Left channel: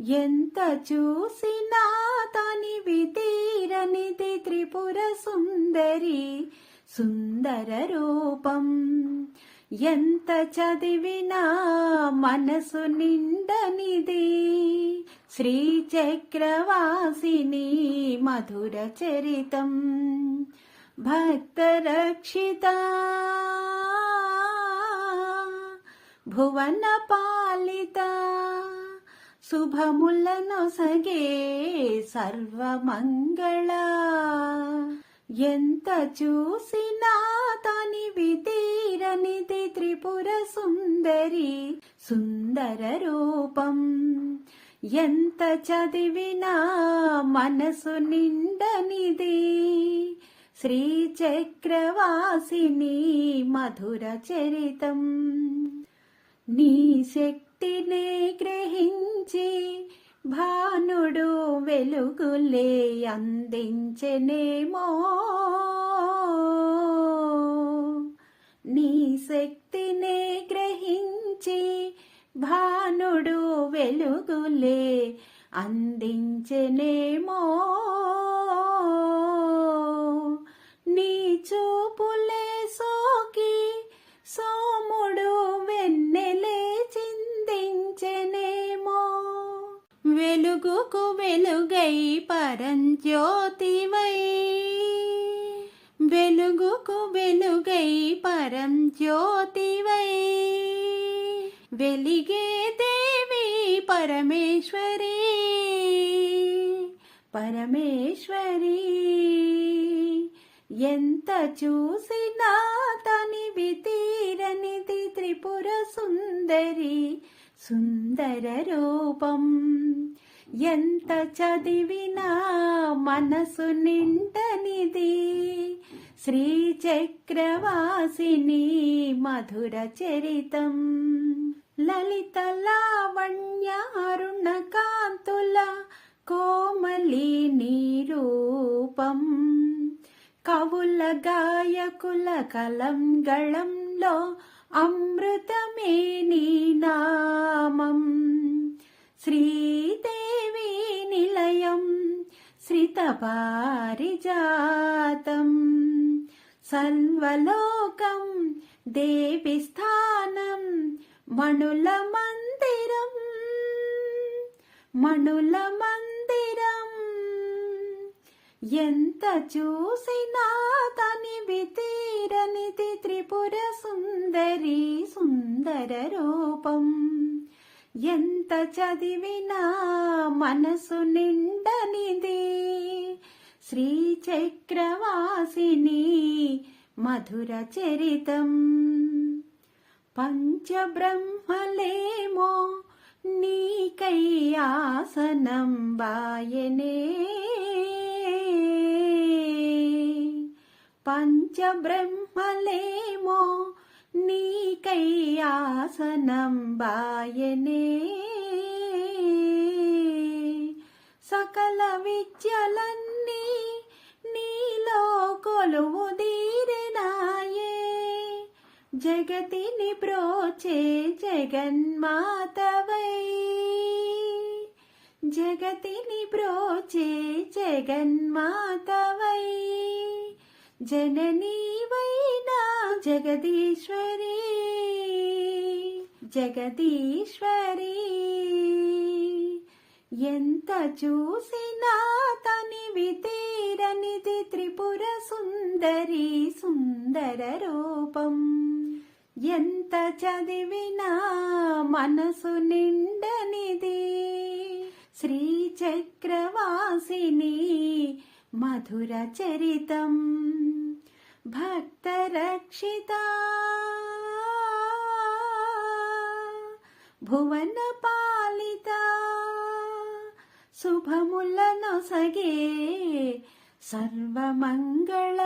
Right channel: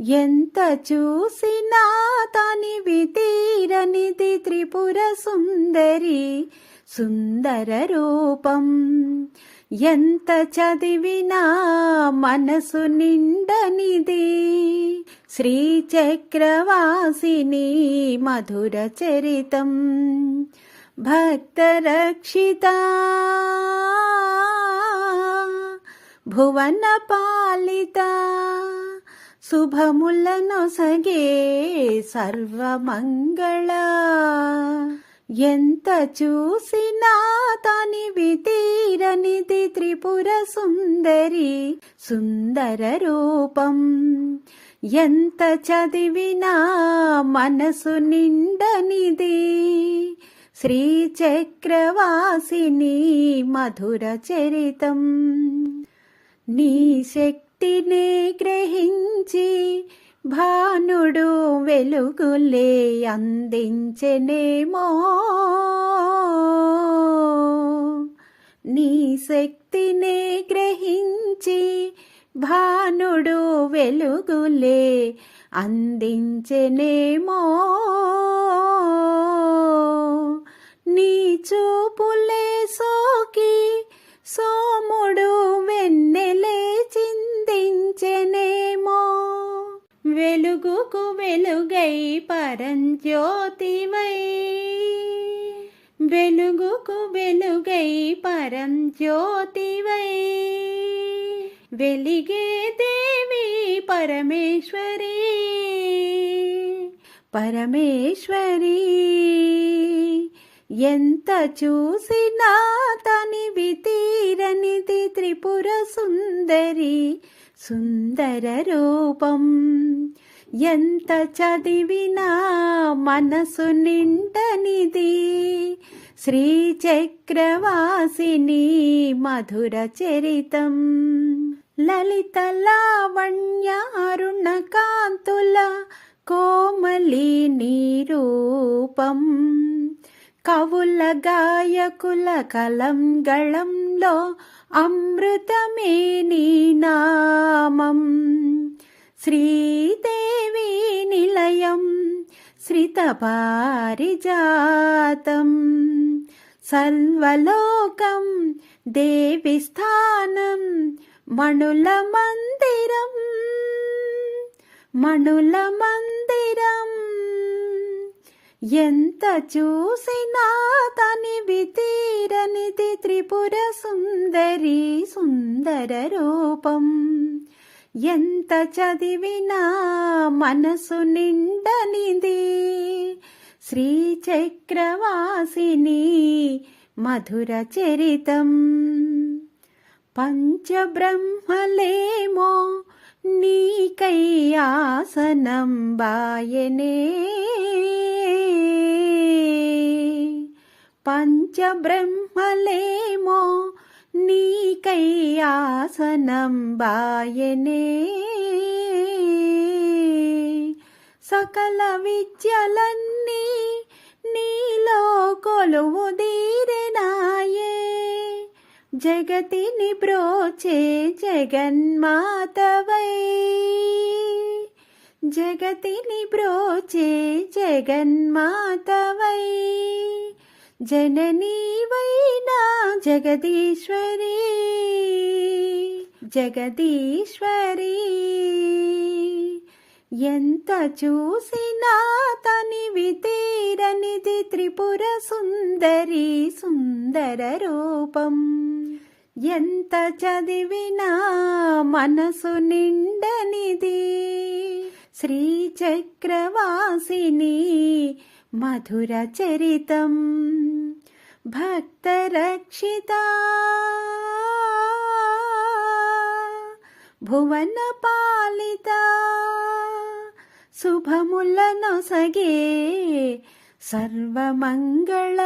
ఎంత చూసినా తనివి తీరనిది త్రిపుర సుందరి సుందర రూపం. ఎంత చదివినా మనసు నిండనిది శ్రీచక్రవాసిని మధుర చరితం. భక్తరక్షిత భువన పాలిత శుభములనొసగే సర్వమంగళ. ఎంత చూసినా తనివి తీరనిది త్రిపుర సుందరి సుందర రూపం. ఎంత చదివినా మనసు నిండనిది శ్రీచక్రవాసిని మధుర చరితం. నీ శక్తిని గ్రహించి భానుడు వెలుగులే అందించనేమో. నీ శక్తినే గ్రహించి భానుడు వెలుగులే అందించనేమో. వెలుగుకు వెలుగై పరంజ్యోతివై వెలుగుకు వెలుగై పరంజ్యోతివై వెలిగే దేవి పరమేశ్వరి. పరమేశ్వరి. ఎంత చూసినా తనివి తీరనిది త్రిపుర సుందరి సుందర రూపం. ఎంత చదివినా మనసు నిండనిది. శ్రీచక్రవాసిని మధుర చరితం. లలిత లావణ్యారుణ కాంతుల కోమలి రూపం కవుల గాయకుల కలంగళంలో అమృతమే నీ నామం. శ్రీ పారిజాతం. సల్వలోకం దేవి స్థానం మణుల మందిరం. మణుల మందిరం. ఎంత చూసినా తనివి తీరనిది త్రిపుర సుందరి సుందర రూపం. ఎంత చదివినా మనసు నిండనిది శ్రీచక్రవాసిని మధుర చరితం. పంచబ్రహ్మలేమో నీకైయాసనం బాయనే. పంచబ్రహ్మలేమో నీకైయాసనం బాయనే. సకల విద్యలన్నీ జగతిని ప్రోచే జగన్మాతవై. జగతిని ప్రోచే జగన్మాతవై. జననీవైనా జగదీశ్వరి. జగదీశ్వరి. ఎంత చూసినా తనివి తీరనిది త్రిపుర సుందరి సుందర రూపం. ఎంత చదివినా మనసు నిండనిది. శ్రీచక్రవాసిని మధుర చరితం. భక్తరక్షిత. భువన పాలిత. శుభములనొసగే సర్వమంగళ.